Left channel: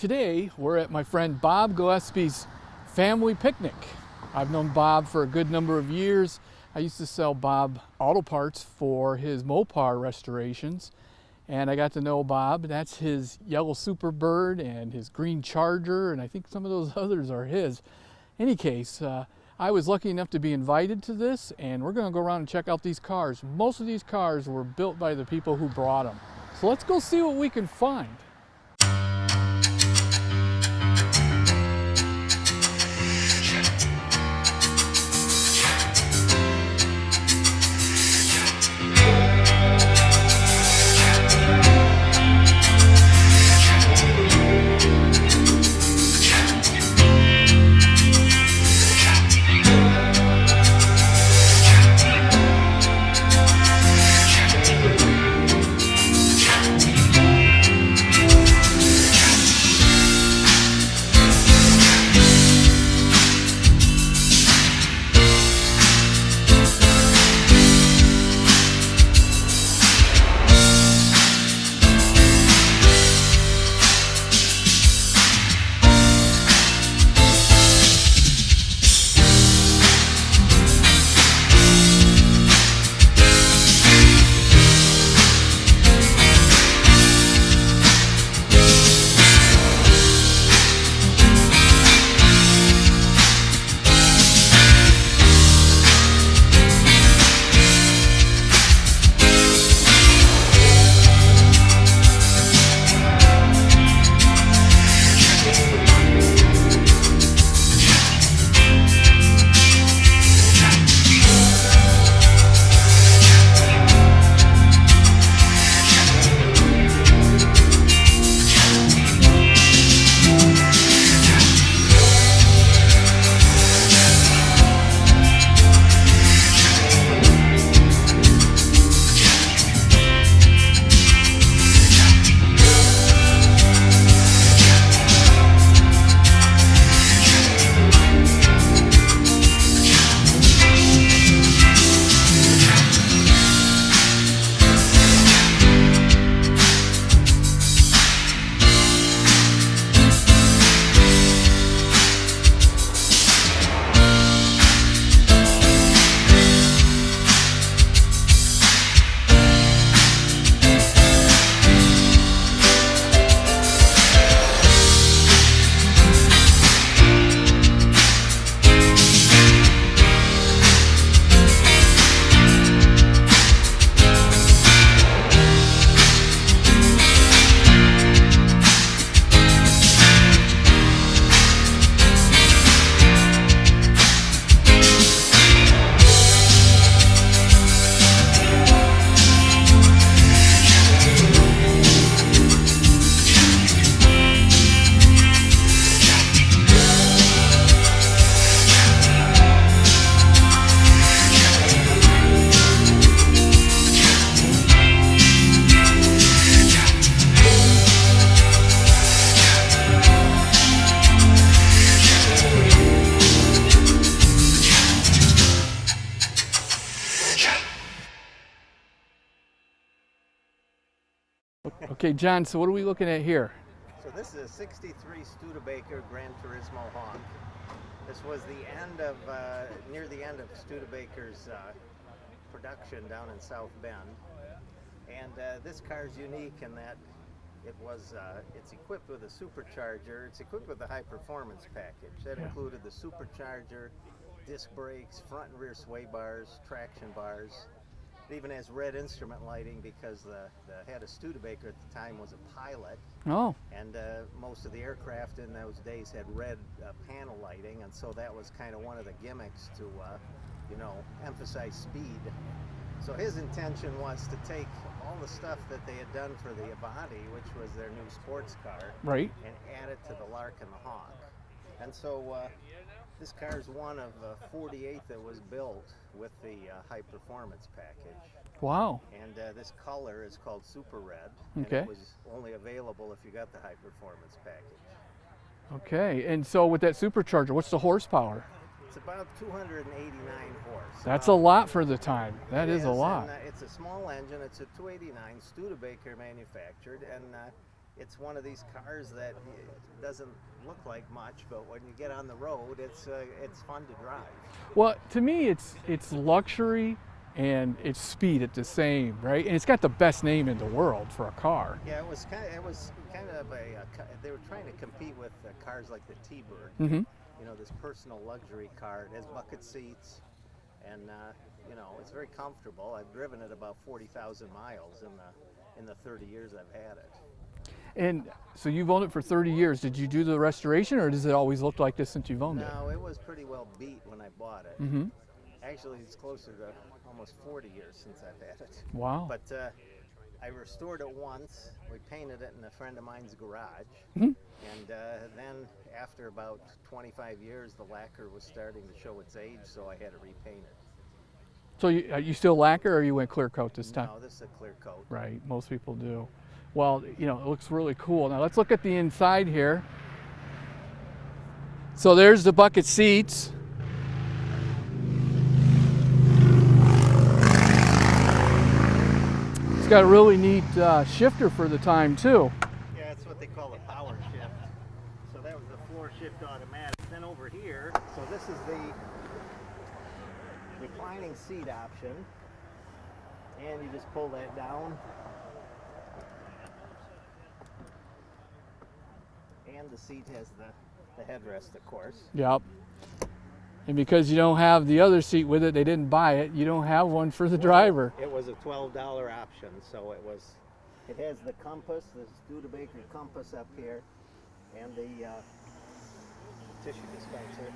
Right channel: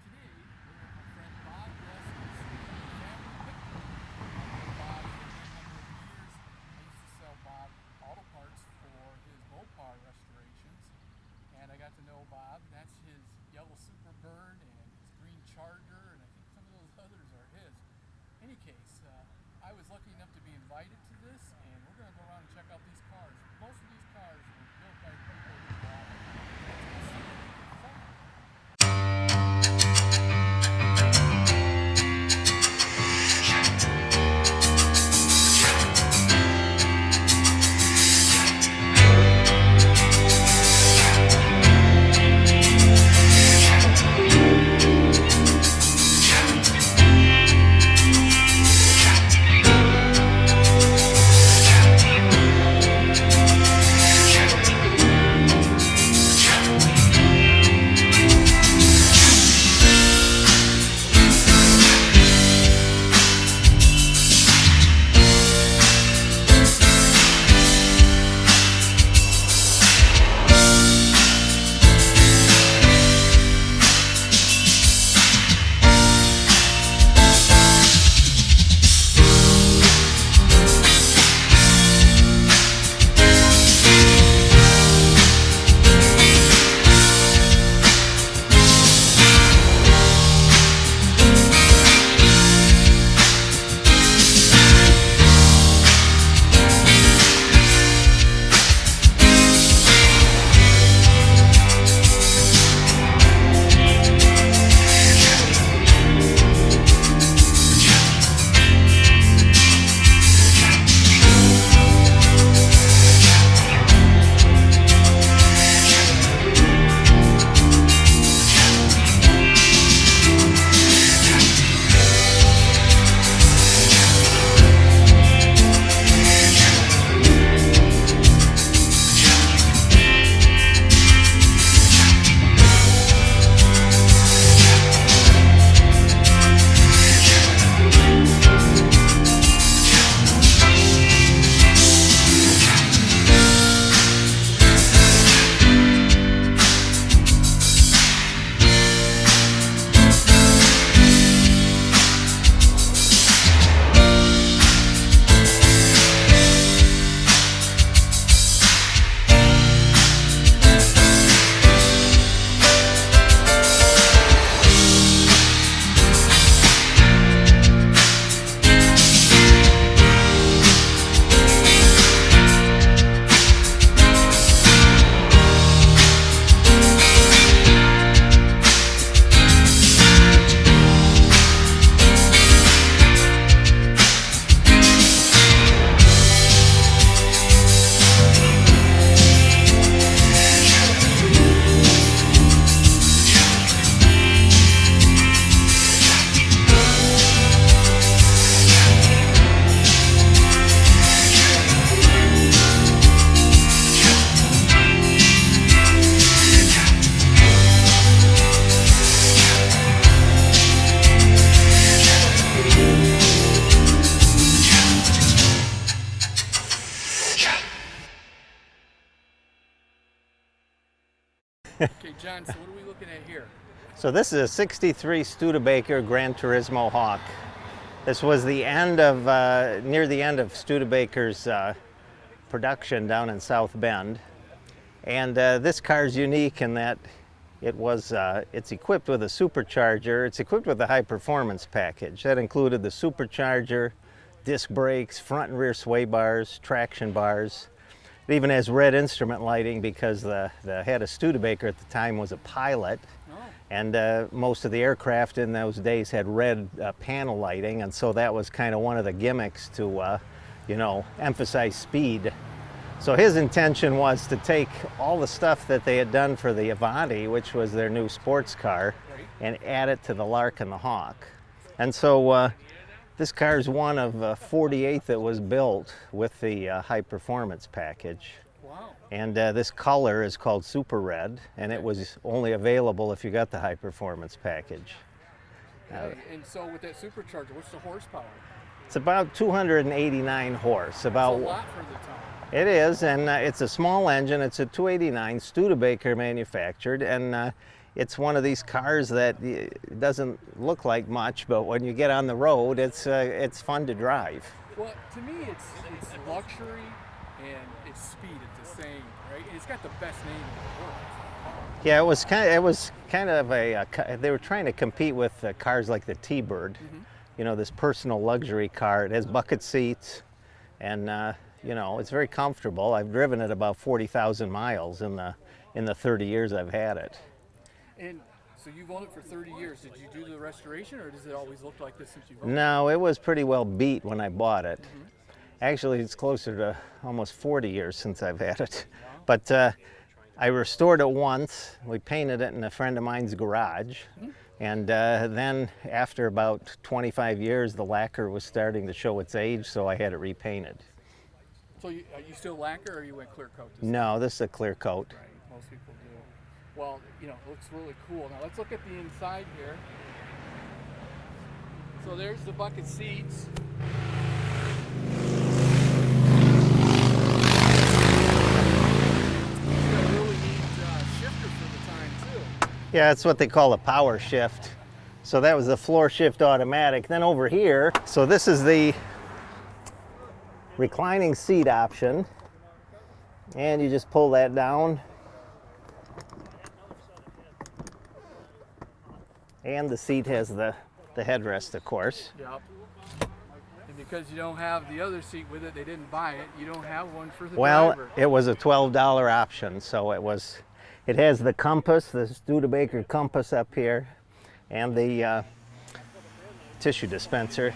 Today, we're at my friend Bob Glaspie's family picnic. I've known Bob for a good number of years. I used to sell Bob auto parts for his MOPAR restorations, and I got to know Bob. That's his yellow Superbird and his green Charger, and I think some of those others are his. Any case, I was lucky enough to be invited to this, and we're going to go around and check out these cars. Most of these cars were built by the people who brought them. So let's go see what we can find. Okay, John, so what are we looking at here? So this is a 63 Studebaker Gran Turismo Hawk. This was the end of, near the end of Studebaker's production down in South Bend. And this car is unique in that it's equipped with a supercharger. It's equipped with a high performance package. That included the supercharger, disc brakes, front and rear sway bars, traction bars. It even has red instrument lighting because the head of Studebaker at the time was a pilot. Oh. And most of the aircraft in those days had red panel lighting, and so that was kind of one of the gimmicks to, you know, emphasize speed. So his intention was to take all the stuff that they had done for the Avanti, which was their new sports car, right, and add it to the Lark and the Hawk. And so this car is one of 48 that was built with the high performance package. Wow. And this color is called Super Red, and it was only available if you got the high performance package. Okay, and so with that supercharger, what's the horsepower? It's about 289 horse. That's a lot for the time. It is, and it's a small engine. It's a 289 Studebaker manufactured, and it's one of these cars that doesn't look like much, but when you get on the road, it's fun to drive. Well, to me, it's luxury and it's speed at the same, right? And it's got the best name in the world for a car. Yeah, it was kind of a they were trying to compete with cars like the T-Bird. Mm-hmm. You know, this personal luxury car. It has bucket seats, and you know, it's very comfortable. I've driven it about 40,000 miles in the 30 years I've had it. And so you've owned it for 30 years. Did you do the restoration, or does it always look like this since you've owned it? No, it was pretty well beat when I bought it. Mm-hmm. Actually, it's closer to almost 40 years since I've had it. Wow. But I restored it once. We painted it in a friend of mine's garage. Mm-hmm. And then after about 25 years, the lacquer was starting to show its age, so I had it repainted. So you still lacquer, or you went clear coat this time? No, this is a clear coat. Right, most people do. Well, you know, it looks really cool. Now let's look at the inside here. So there's the bucket seats. It's got a really neat shifter for the time too. Yeah, that's what they call a power shift. So that was the floor shift automatic. Then over here, so this is the reclining seat option. And you just pull that down. And the seat has the headrest, of course. Yep. And because you don't have the other seat with it, they didn't buy it, you don't have one for the driver. It was a $12 option, so it has the compass, the Studebaker compass up here, and the tissue dispenser.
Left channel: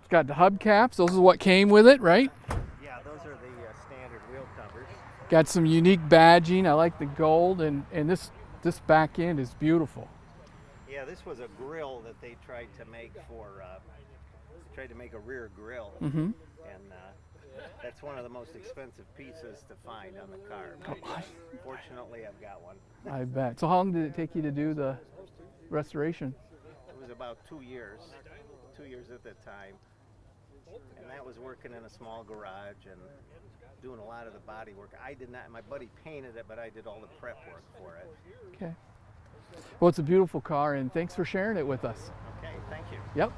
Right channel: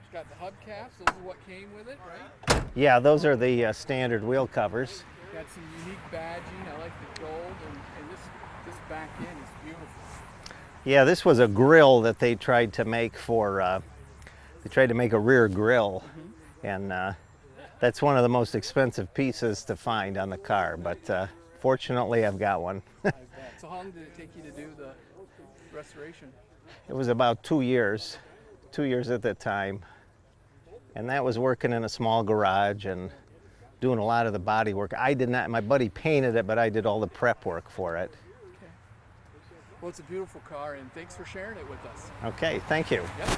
It's got the hubcaps, those are what came with it, right? Yeah, those are the standard wheel covers. Got some unique badging. I like the gold, and this back end is beautiful. Yeah, this was a grill that they tried to make they tried to make a rear grill. Mm-hmm. And that's one of the most expensive pieces to find on the car, but fortunately I've got one. I bet. So how long did it take you to do the restoration? It was about 2 years at the time. And that was working in a small garage and doing a lot of the body work. I did not, my buddy painted it, but I did all the prep work for it. Okay. Well, it's a beautiful car, and thanks for sharing it with us. Okay, thank you. Yep.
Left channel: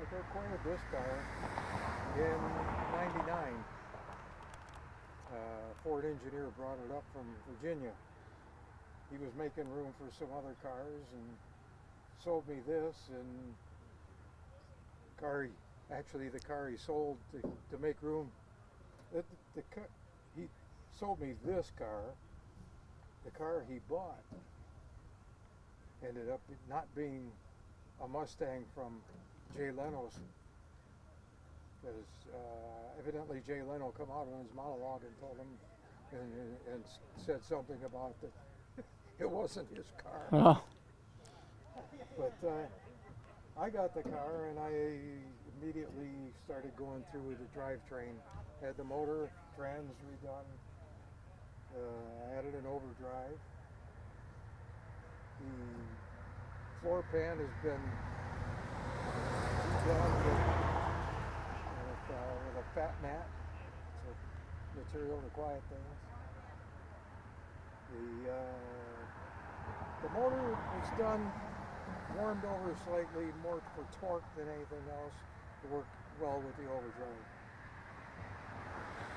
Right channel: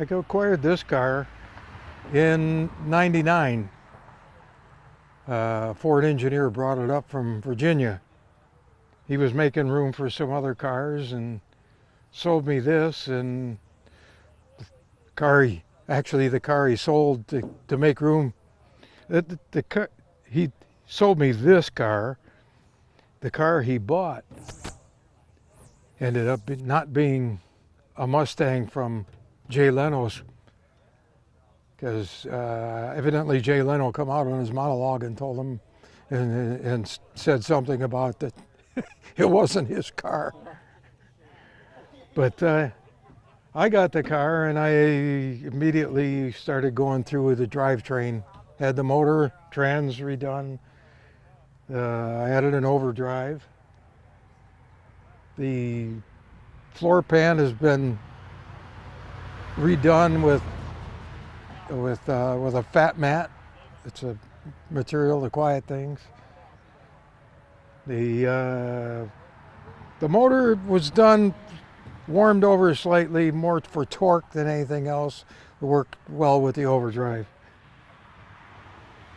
I acquired this car in '99. A Ford engineer brought it up from Virginia. He was making room for some other cars and sold me this, and the car he sold to make room. He sold me this car. The car he bought ended up not being a Mustang from Jay Leno's, because evidently Jay Leno come out on his monologue and told him and said something about that it wasn't his car. Uh-huh. But I got the car and I immediately started going through with the drivetrain. Had the motor, trans redone. I added an overdrive. The floor pan has been redone with a fat mat. It's a material to quiet things. The motor was done, warmed over slightly, more for torque than anything else. It worked well with the overdrive.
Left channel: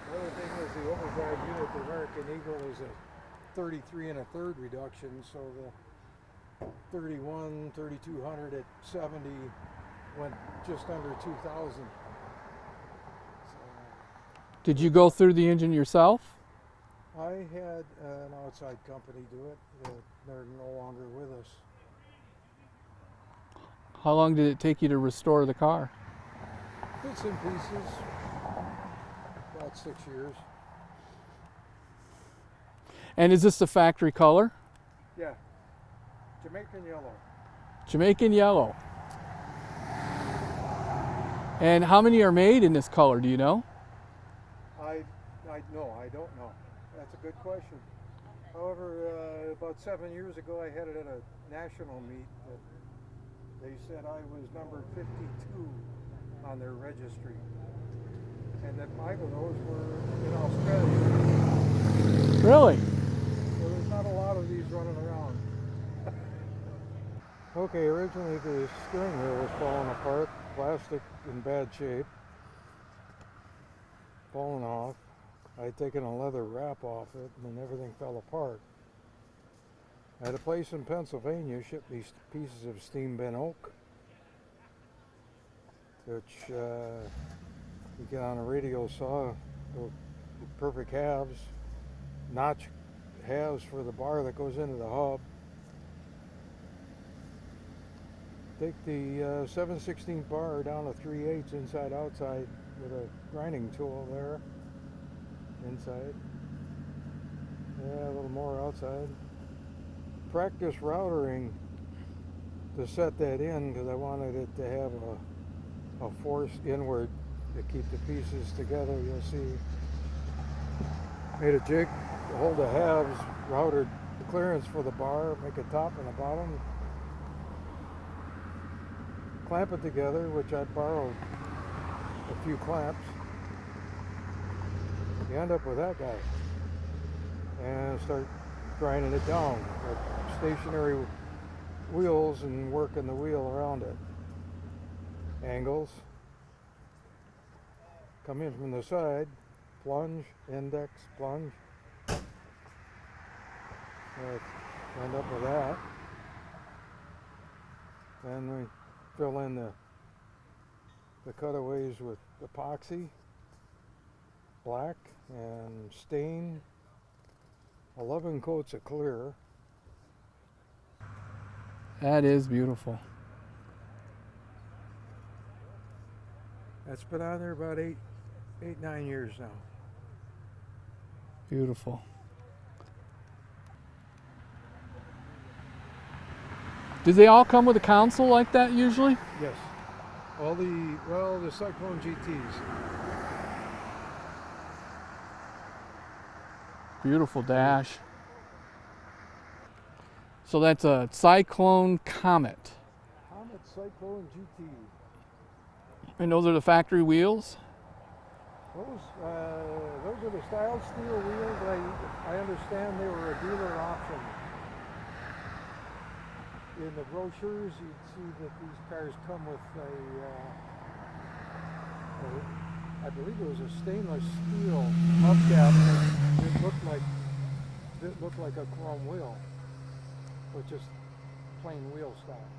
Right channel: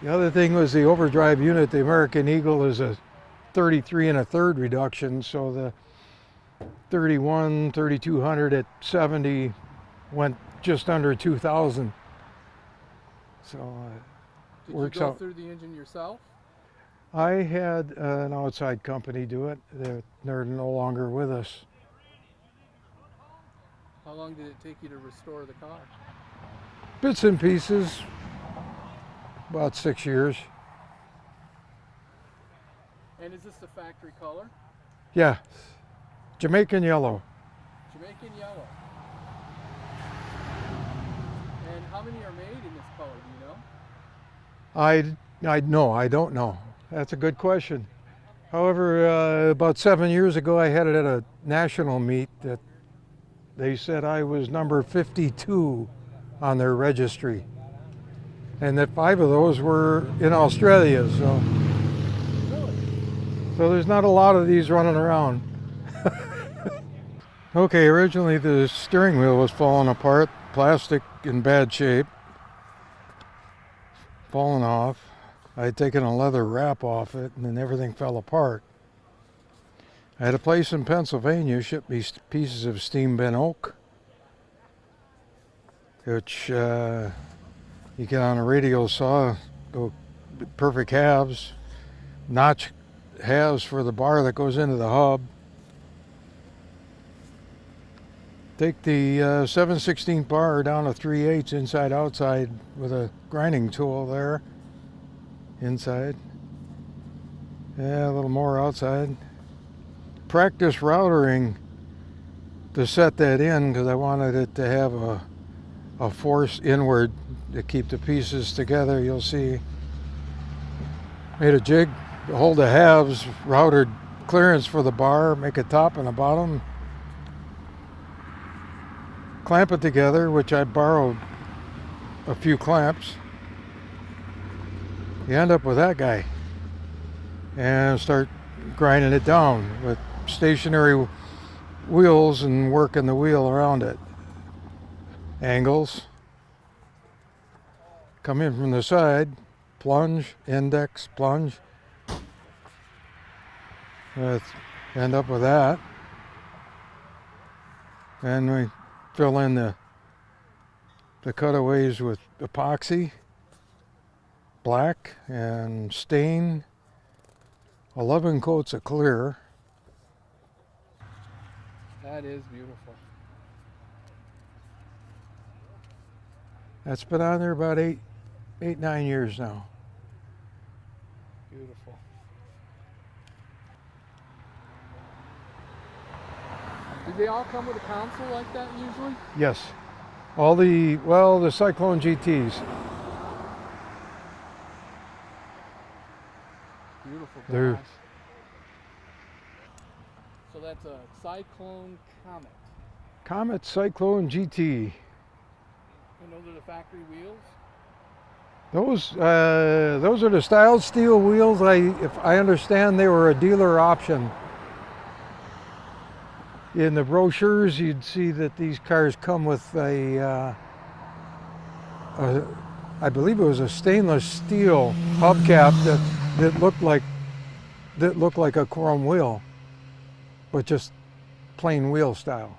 The other thing was the overdrive unit. The American Eagle is a 33 1/3 reduction, so the 3200 at 70 went just under 2,000. So Did you go through the engine yourself? I had an outside company do it. They're no longer with us. How long did it take you to restore the car? Bits and pieces, about 6 years. And is this the factory color? Yeah, Jamaican yellow. Jamaican yellow. And how many are made in this color, do you know? I don't know. That's a good question. However, about 7 years ago, I had it at a national meet that they said I was number 52 on their registry, and that 5 of those were in Australia. Really? So there's not a lot of these running around. Okay, originally the steering wheel was falling apart, plastic in bad shape, falling off. I had taken a leather wrap off it and then everything fell apart. I had a place in Pennsylvania ship me pieces of steam bent oak, which you get on a radial saw, go perfect halves, notch halves for the bar that goes into the hub. Take the 7/16 bar down to 3/8 inside outside with a grinding tool there inside. Yeah, a little more outside. Practice routering to set that in because I wanted it to have a force inward to keep the pieces together. You'll see. Made a jig to hold the halves, routed clearance for the bar, make a top and a bottom. Clamp it together, which I borrowed a few clamps. You end up with that guy. And start grinding it down with stationary wheels and working the wheel around it. Angles. Come in from the side, plunge, index, plunge. End up with that. And we fill in the cutaways with epoxy, black, and stain. 11 coats of clear. That is beautiful. That's been on there about 9 years now. Beautiful. Do they all come with a console like that usually? Yes. All the Cyclone GTs. Beautiful dash. So that's a Cyclone Comet. Comet Cyclone GT. And those are the factory wheels? Those are the styled steel wheels. If I understand, they were a dealer option. In the brochures, you'd see that these cars come with a I believe it was a stainless steel hubcap that looked like a chrome wheel, but just plain wheel style.